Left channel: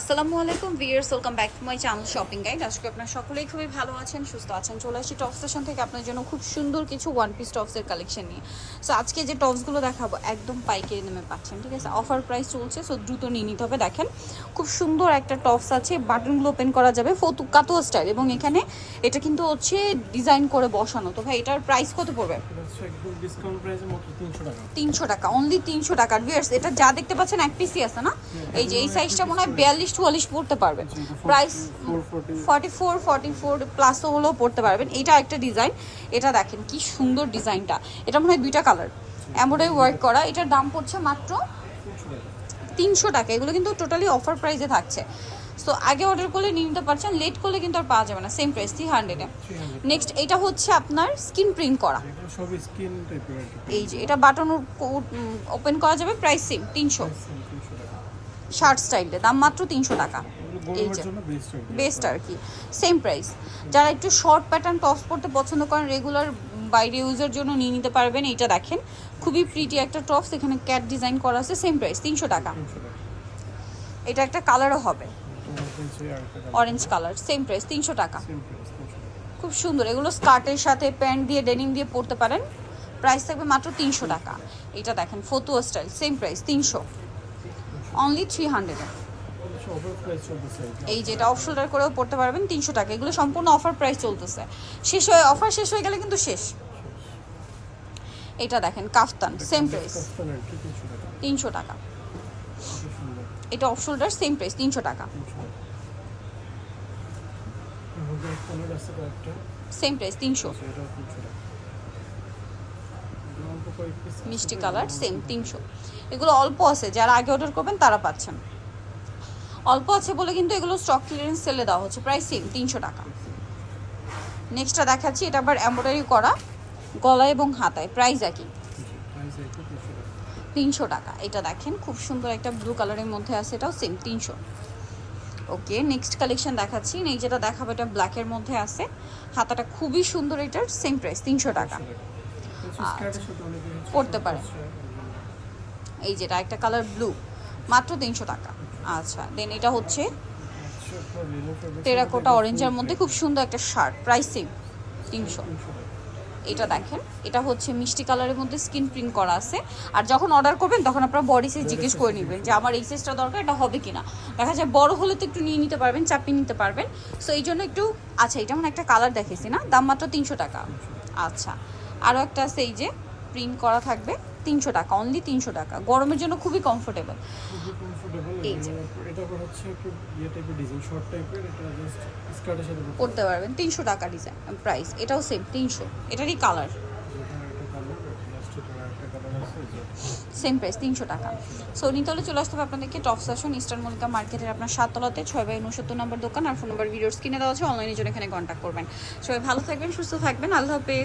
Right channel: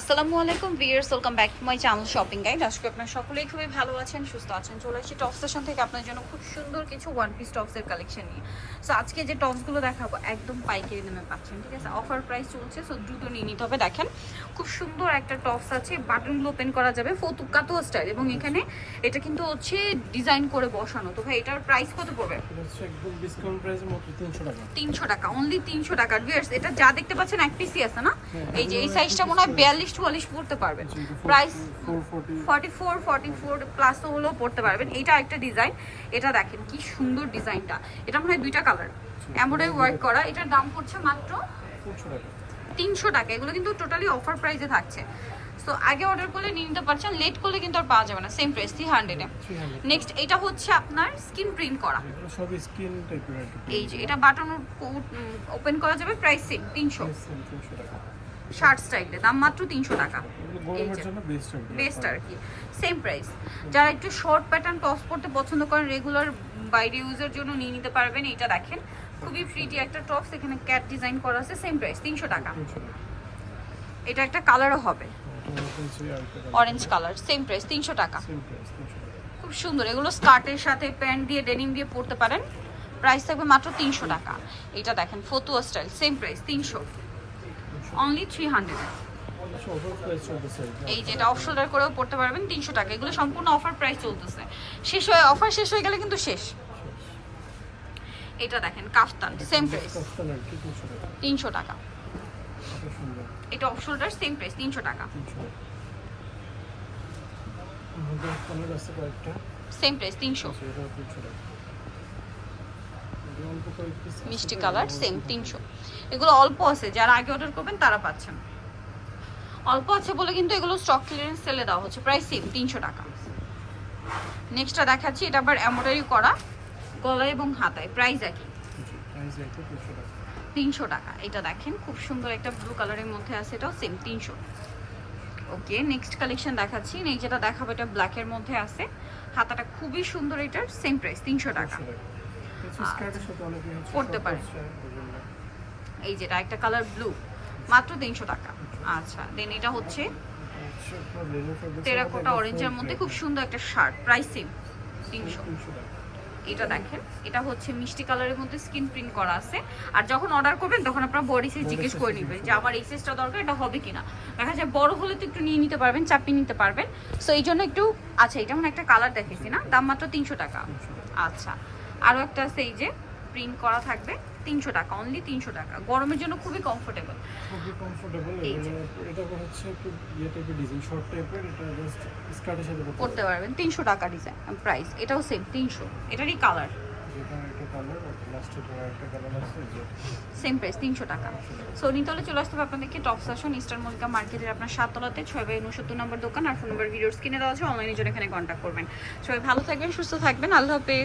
আসসালামু আলাইকুম viewers welcome back to my channel shopping guide. আজকে আপনার সকলেই খুবই ভালো আছেন সুস্থ আছেন। চলে আসছি টপ স্টেশন থেকে আপনার জন্য খুব সুন্দর কিছু ওয়ান পিস টপসের কালেকশন নিয়ে। সো আজকে যে টপসগুলো দেখাবো একদম পাইকারি দামে পাচ্ছেন ঠিক আছে? অফার প্রাইস চলছে সো দ্রুত নিয়ে নিতে হবে দেখেন। খুব সুন্দর একটা টপস আছে বাটনগুলো ওপেন করা যাবে ফতু কাতো স্টাইল এবং এখানে এটা কিন্তু হচ্ছে ডিজাইন করে বসানো। তো ভাই এটার প্রাইস কত পড়বে? এটা একদম ডিসকাউন্ট প্রাইসে মাত্র 300 টাকা। তিনশো টাকা অনলি তিনশো টাকা। ভিয়ার্স এটা যা দেখতে পাচ্ছেন এক পিসই আছে না? হ্যাঁ, এই যে এই সাইজটা মনে হয় বিয়াল্লিশ চুয়াল্লিশ পড়তে পারবেন। Price 440 forty four forty four প্লাসও হলেও পড়তে পারবেন। এটা একটা ডিজাইন। এটা দেখেন কি সুন্দর ডিজাইনটা। এটা মনে হয় দুইটা কালার। এমব্রয়ডারি ওয়ার্ক করা। এটার দাম পড়ছে মাত্র তিনশো টাকা। এগুলো কিন্তু টোটালি অফার প্রাইসে থাকছে। সো আগে অর্ডার করলে নিয়ে নিতে পারছেন। লেট করলে কিন্তু আর পাওয়া যাবে না। সেম প্রাইস থ্রি হান্ড্রেডে নেক্সট এটা হচ্ছে আপনার স্কিন প্রিন্ট করা। এই যে এটা বাটন ওপেন করা যাবে। প্রাইস সেম তিনশো। Price same 300 টাকা শার্ট স্টাইলে দাম মাত্র তিনশো টাকা। এই যে। বেস্ট আর কি। সেম প্রাইস যারা একটু শর্ট প্যাটার্ন টপস পরতে পছন্দ করেন রেগুলার বাইরে ইউজের জন্য নিয়ে নিতে পারবেন। এইটা দেখেন খুবই প্রিটি একটা টপস এখানে ক্যাট ডিজাইন করা আছে সেম প্রাইস তিনশো টাকা। এটা একটা কালারও হবে। অরেঞ্জ কালার সেম প্রাইস তিনশো টাকা। সেম প্রাইস 300 টাকা। খুব সুন্দর। এগুলো স্কার্টের সাথে প্যান্ট দিয়ে ডেনিম দিয়ে পরতে পারেন। প্রাইস থাকবে মাত্র তিনশো টাকা। এটা দেখেন ফতুয়া স্টাইল সেম প্রাইস তিনশো। Only three hundred. এই যেটা অফ শোল্ডার করেও পড়তে পারবেন তিনশো টাকা। এগুলো সম্পূর্ণ অফার প্রাইস চলতেছে। শেষ হয়ে অফার শেষ হয়ে গেলে কিন্তু শেষ। এটা দেখেন কাফতান সেম প্রাইস কাস্টম আর কি 300 টাকা। তিনশো টাকা। এটা অফ শোল্ডার সেম প্রাইস তিনশো টাকা। 300 টাকা। আমাদের কালার আছে কয়েকটা। সেম প্রাইস তিনশো আচ্ছা, এটা 300 টাকা এটা অল্প কয়েক piece আছে, মিষ্টি কালার সেম তিনশো। এগুলো অল্প আছে যারা আগে অর্ডার করবেন তারা পাচ্ছেন। অল্প আছে বলে কিন্তু এগুলো স্টক ক্লিয়ারেন্স সেলে দেওয়া হচ্ছে। প্রাইস সেম তিনশো টাকা। নেক্সটটা দেখাচ্ছি এটা আবার এমব্রয়ডারি করা গলায় এবং হাতায়। প্রাইস একই। জি, প্রাইস একটু 300 টাকা তিনশো টাকা। এটা দেখেন খুব সুন্দর একটা ব্লু কালারের মধ্যে আছে এটাও সেম তিনশো। ওকে নেক্সট কালেকশন দেখাচ্ছি। এই যেটা দেখাবো এটা ব্ল্যাকের মধ্যে আছে। হাতাটা খুবই সুন্দর এটার সেম প্রাইস তিনশো টাকা। পরতে short পারে। এই যেটা একটা কালার ব্লু মাত্র তিনশো টাকা। আচ্ছা দেন এটা হচ্ছে টেরাকোটা অরেঞ্জের মধ্যে খুব সুন্দর একটা শার্ট প্রাইস সেম তিনশো। এটা দেখেন এটা হচ্ছে মিষ্টি কালারের মধ্যে স্কিন প্রিন্ট করা আছে। আর যখন অর্ডার করবেন তখন আপনারা বডি সাইজ জিজ্ঞেস করে নেবেন যে আমার এই সাইজটা দরকার এটা হবে কিনা। দেখা যায় বড় হলে তো একটু নিয়ে নিতে পারবেন চাপিয়ে নিতে পারবেন। সো এই জন্য একটু আচ্ছা এটা মানে একটা কালার দেখেছি না দাম মাত্র তিনশো টাকা। আচ্ছা আরও একটা আছে এই যে প্রিন্ট করা থাকবে তিনশো টাকা অনলি তিনশো টাকা। গরমের জন্য খুবই কমফোর্টেবল খুবই এটা হচ্ছে একটু ইয়ে টাইপের ডিজাইন শর্ট টাইপের এটা জাস্ট স্কার্টের সাথে করতে পারবেন। তিনশো টাকা ডিজাইন প্রাইস এটাও সেম তিনশো। এটারই কালার সেম প্রাইস তিনশো টাকা। সো নিতলে চলে আসতে হবে আপনাদেরকে টপ স্টেশন ইস্টার্ন মল্লিকা মার্কেটের আপনার সাততলাতে ছয় বাই উনসত্তর নম্বর দোকান আর ফোন নম্বর ভিডিওর স্ক্রিনে দেওয়া আছে অনলাইনে জন্য এখানে কন্ট্যাক্ট করবেন। সবাই ভালো থাকবেন সুস্থ থাকবেন আল্লাহ হাফেজ।